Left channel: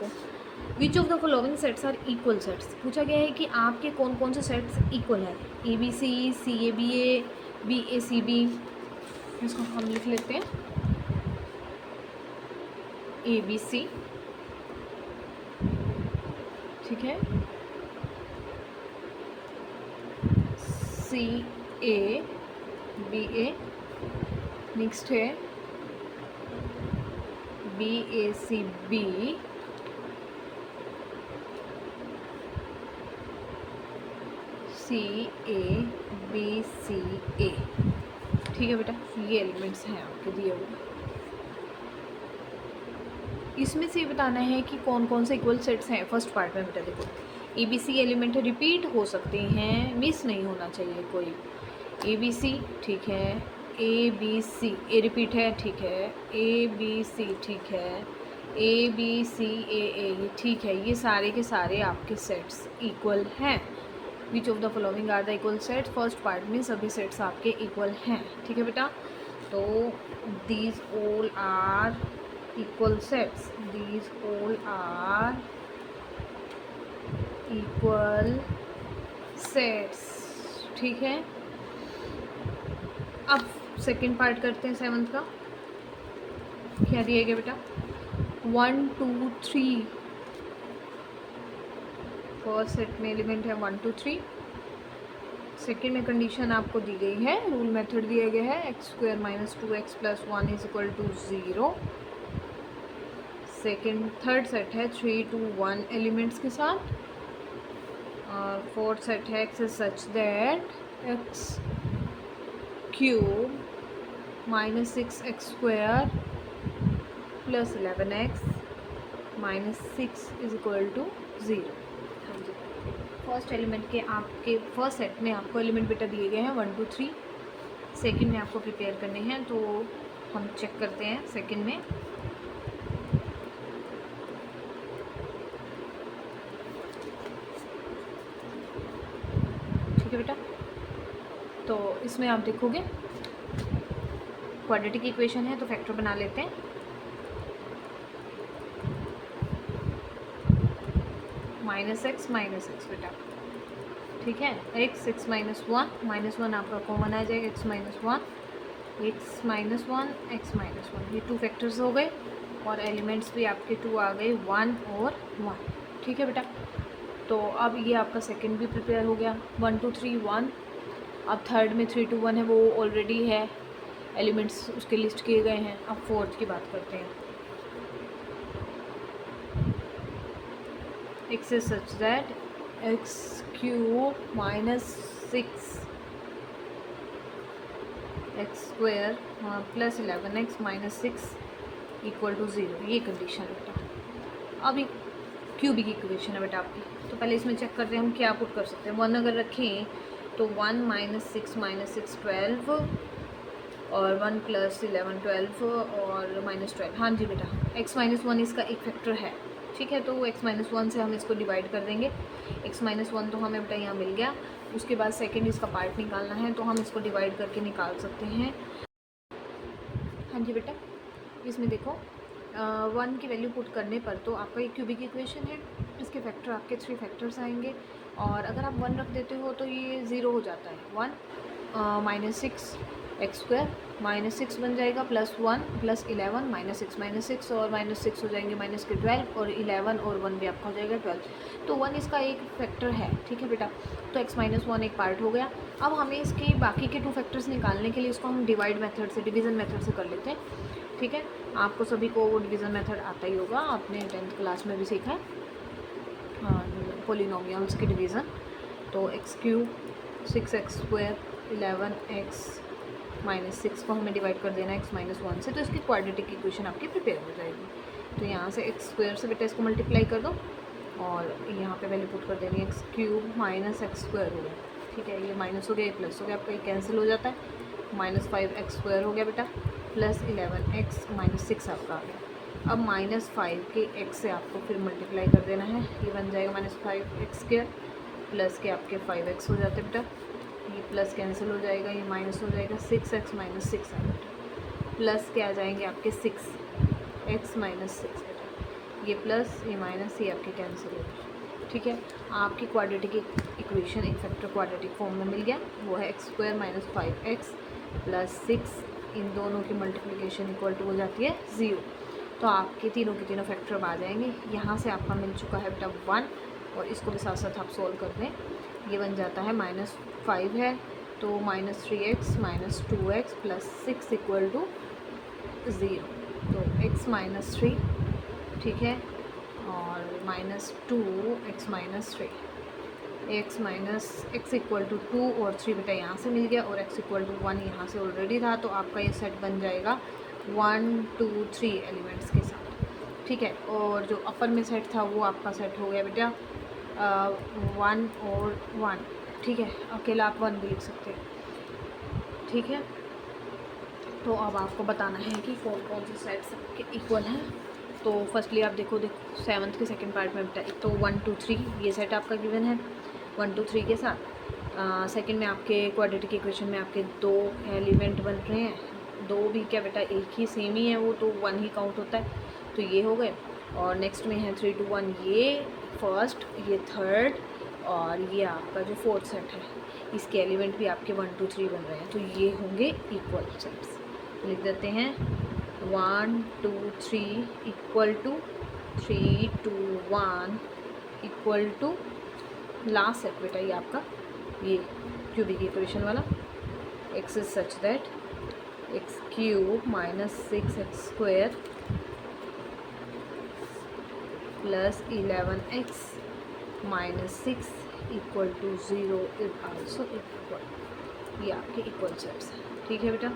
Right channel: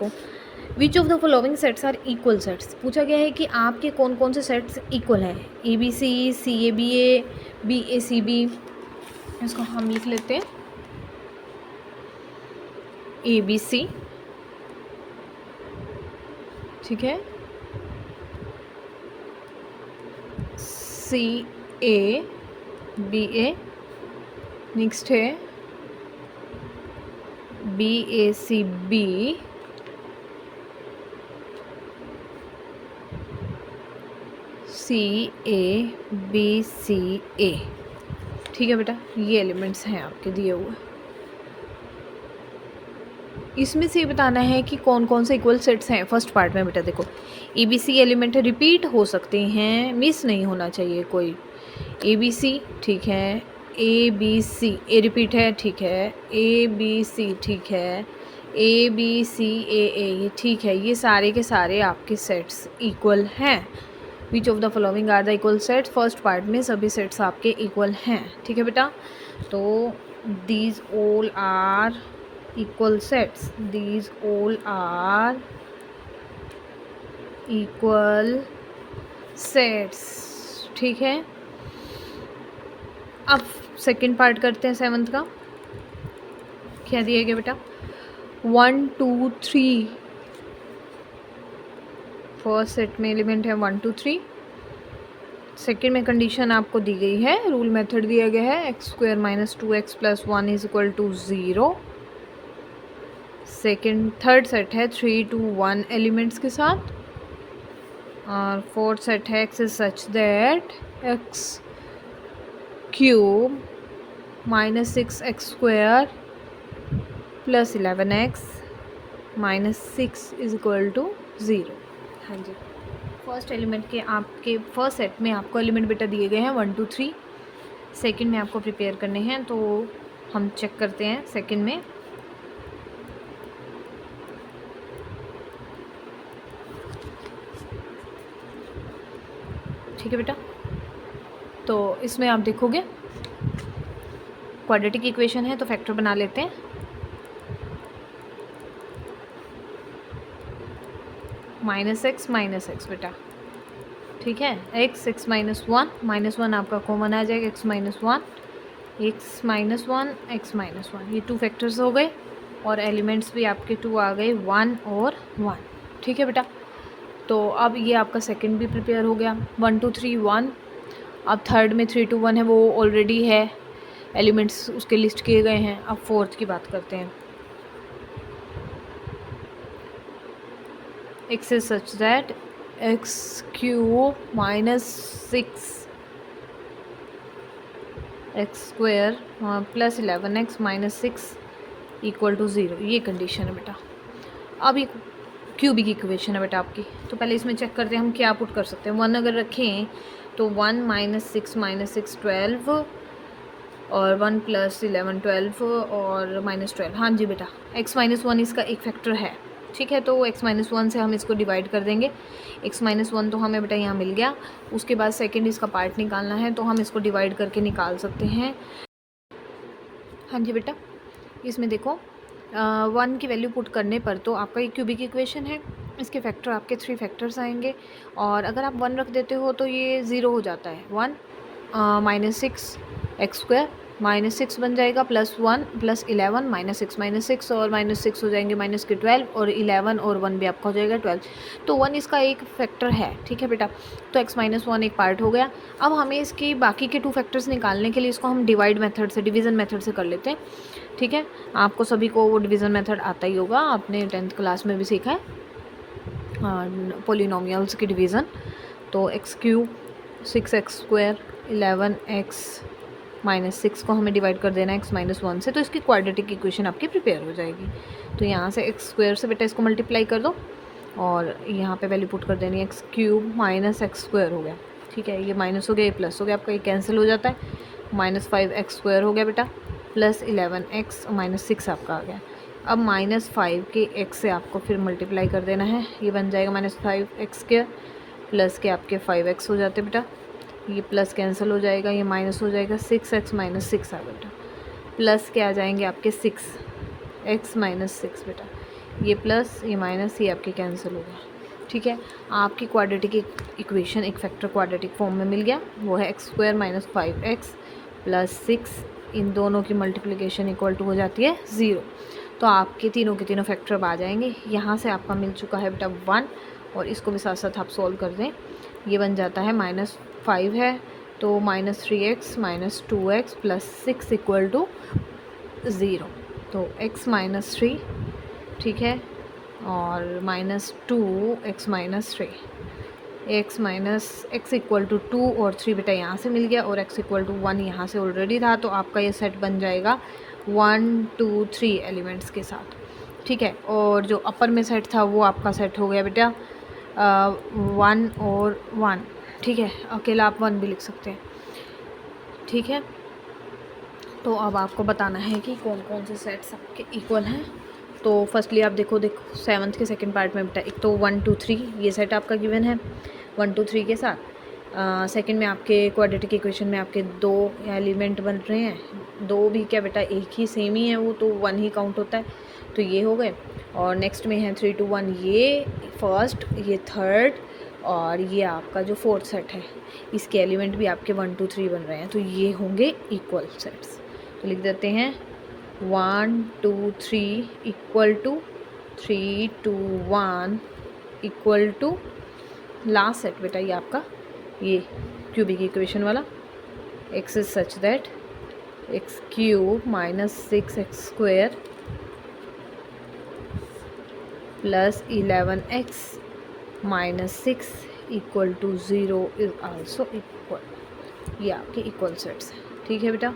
देखो, which of the following sets are equal sets, पूछा गया है कि आपके कौन कौन से सेट्स इक्वल हैं, A B A B A, B A C B. इसको हम लिख लेते हैं ए बी सी, ठीक है, C A B A, next है B A C B, C A B C A, ठीक है बेटा, ये एलिमेंट्स हैं आपके दिए हुए। इसमें से बताना है कि कौन कौन से इक्वल सेट्स हैं फर्स्ट पार्ट में। बेटा देखो, A B C element repeat हो सकते हैं, मिस नहीं होना चाहिए कोई। ए बी सी, ठीक है, ए बी सी, ए रिपीट है, ठीक है, ए बी सी, ठीक है, ए बी सी ए, ठीक है, ये सारे के सारे आपके सेट्स इक्वल हैं। Which of the following are the equal set, first part में सभी सेट्स आपके इक्वल हैं, ठीक है बेटा। तो these all are equal sets, these all are equal sets, ठीक है। अब सेकेंड पार्ट करते हैं सेवंथ का। क्या दिया गया बेटा, 1 2 3, फर्स्ट सेट में एलिमेंट है 1 2 3। सेकेंड में कंडीशन आपको दी गई है, रूल मेथड दिया गया है, x square minus 2x plus 1 is equal to 0। Second third set है 3 2 1 एलिमेंट्स के साथ, और फोर्थ सेट है x is such that x cube minus 6x square plus 11x minus 6 is equal to 0। हाँ जी, first element के आपके first set में आपको एलिमेंट बेटा दिए गए हैं 1 2 3। सेकंड में आपको प्रिपेयर करने हैं, तो हम चेक करते हैं सेकंड में। ठीक है बेटा, तो इसमें आप देखोगे क्वाड्रेटिक इक्वेशन है, तो फैक्टर बना लेते हैं। माइनस एक्स बेटा, ठीक है, एक्स माइनस वन आपका कॉमन आ जाएगा, x minus one, x minus one, ये टू फैक्टर्स हो गए, और एलिमेंट्स भी आपके टू आ गए, 1 और 1, ठीक है बेटा। तो अब ये आपका सेकंड भी प्रिपेयर हो गया, 1 2 3 1। अब थर्ड में 3 2 1 है, वो ऑलरेडी है, एलिमेंट्स उसके लिस्ट किए गए हैं। अब फोर्थ की बात करते हैं, x is such that x cube minus 6 x square plus 11x minus 6 equal to 0, ये कंडीशन है बेटा। अब ये क्यूबिक इक्वेशन है बेटा आपकी, तो पहले इसमें चेक करते हैं हम क्या पुट कर सकते हैं। 1 अगर रखें तो 1 माइनस 6 12, और 1 प्लस 11 12, और माइनस 12। हाँ जी बेटा, x माइनस 1 इसका एक फैक्टर है, ठीक है, तो x माइनस 1 से हम इसको डिवाइड कर देंगे। x माइनस 1 तो हमें बेटा यहाँ मिल गया, उसके बाद सेकंड इसका पार्ट निकालना है, तो हम इसको डिवाइड करके निकाल सकते हैं। हाँ जी बेटा, इसमें देखो 1 की वैल्यू पुट करने पर तो आपका ये क्यूबिक इक्वेशन है, इसके फैक्टर आपके 3 फैक्टर्स आएंगे, और अगर आप 1 रख देते हो तो ये 0 हो जाता है। 1 माइनस 6 एक्स स्क्वायर माइनस 6 बन जाएगा, प्लस 1 प्लस 11 माइनस 6 और माइनस 6 हो जाएंगे माइनस के 12, और 11 और 1 भी आपका हो जाएगा 12। तो 1 इसका एक फैक्टर है, ठीक है बेटा, तो x माइनस 1 एक पार्ट हो गया। अब हमें इसकी बाकी के 2 फैक्टर्स निकालने के लिए इसको हम डिवाइड मेथड से, डिवीज़न मेथड से कर लेते हैं, ठीक है। आपको सभी को वो डिवीज़न मेथड आता ही होगा, आपने 10th क्लास में भी सीखा है पोलिनोमियल्स की डिवीज़न। तो x cube 6x square 11x minus 6 को हमें डिवाइड कर देना है x माइनस 1 से, तो इसकी क्वाड्रेटिक इक्वेशन आपकी प्रिपेयर हो जाएगी। तो यहाँ से एक्स स्क्वायर से बेटा इसको मल्टीप्लाई कर दो, और यहाँ पे वैल्यू पुट कर देनी है, x cube minus x square हो गया, ठीक है, ये माइनस हो गया, ये प्लस हो गया, आपका ये कैंसिल हो जाता है, माइनस 5x स्क्वायर हो गया बेटा, प्लस 11x माइनस 6 आपका आ गया। अब माइनस 5 के x से आपको फिर मल्टीप्लाई कर देना है, ये बन जाएगा माइनस 5x स्क्वायर, प्लस के आपके 5x हो जाते बेटा, ये प्लस कैंसिल हो जाएगा, ये माइनस हो जाएगा, 6x माइनस 6 आ बेटा, प्लस के आ जाएंगे आपके 6x माइनस 6 बेटा, ये प्लस ये माइनस ये आपके कैंसिल हो गए। ठीक है, आपकी क्वाड्रेटिक इक्वेशन एक फैक्टर क्वाड्रेटिक फॉर्म में मिल गया, वो है x square minus 5x plus 6, इन दोनों की मल्टीप्लिकेशन इक्वल टू हो जाती है 0। तो आपके तीनों के तीनों फैक्टर अब आ जाएंगे। यहाँ से आपका मिल चुका है बेटा 1, और इसको भी साथ साथ आप सॉल्व कर दें, ये बन जाता है -5 है तो -3x minus 2x plus 6 equal to 0। तो x माइनस 3, ठीक है, और -2x minus 3, x equal to 2 और 3 बेटा यहाँ से मिल गया, और x इक्वल टू 1 यहाँ से ऑलरेडी था। तो आपका ये सेट बन जाएगा 1 2 3 एलिमेंट्स के साथ। ठीक है, और जो अपर में सेट था वो आपका सेट हो गया बेटा 1 और 1। ठीक है, अकेला आप 1 भी लिख सकते हैं। ठीक है, तो अब आपको बताना है कि कौन कौन से सेट सबके इक्वल हैं। तो फर्स्टली आप देखो 7th के सेकंड पार्ट में बेटा एक तो 1 2 3 ये सेट आपका गिवन है 1 2 3 के साथ। सेकंड में आपके क्वाड्रेटिक इक्वेशन में आपके 2 एलिमेंट बन रहे हैं, 2 भी क्या बेटा एक ही सेम ही है, वो तो 1 ही काउंट होता है, तो ये हो गए। और नेक्स्ट में है 3 2 1 ये फर्स्ट, ये थर्ड, और ये आपका जो फोर्थ सेट है इसके एलिमेंट भी आपके 1 2 3 बन रहे हैं, तो ये होंगे इक्वल सेट्स। तो लिख देते हैं 1 2 3 equal to 3 2 1 equal to last set बेटा ये आपका ये क्यूबिक इक्वेशन वाला, x is such that x cube minus 6x square plus 11x minus 6 equal to 0 is also equal. ये आपके इक्वल सेट्स हैं। ठीक है बेटा।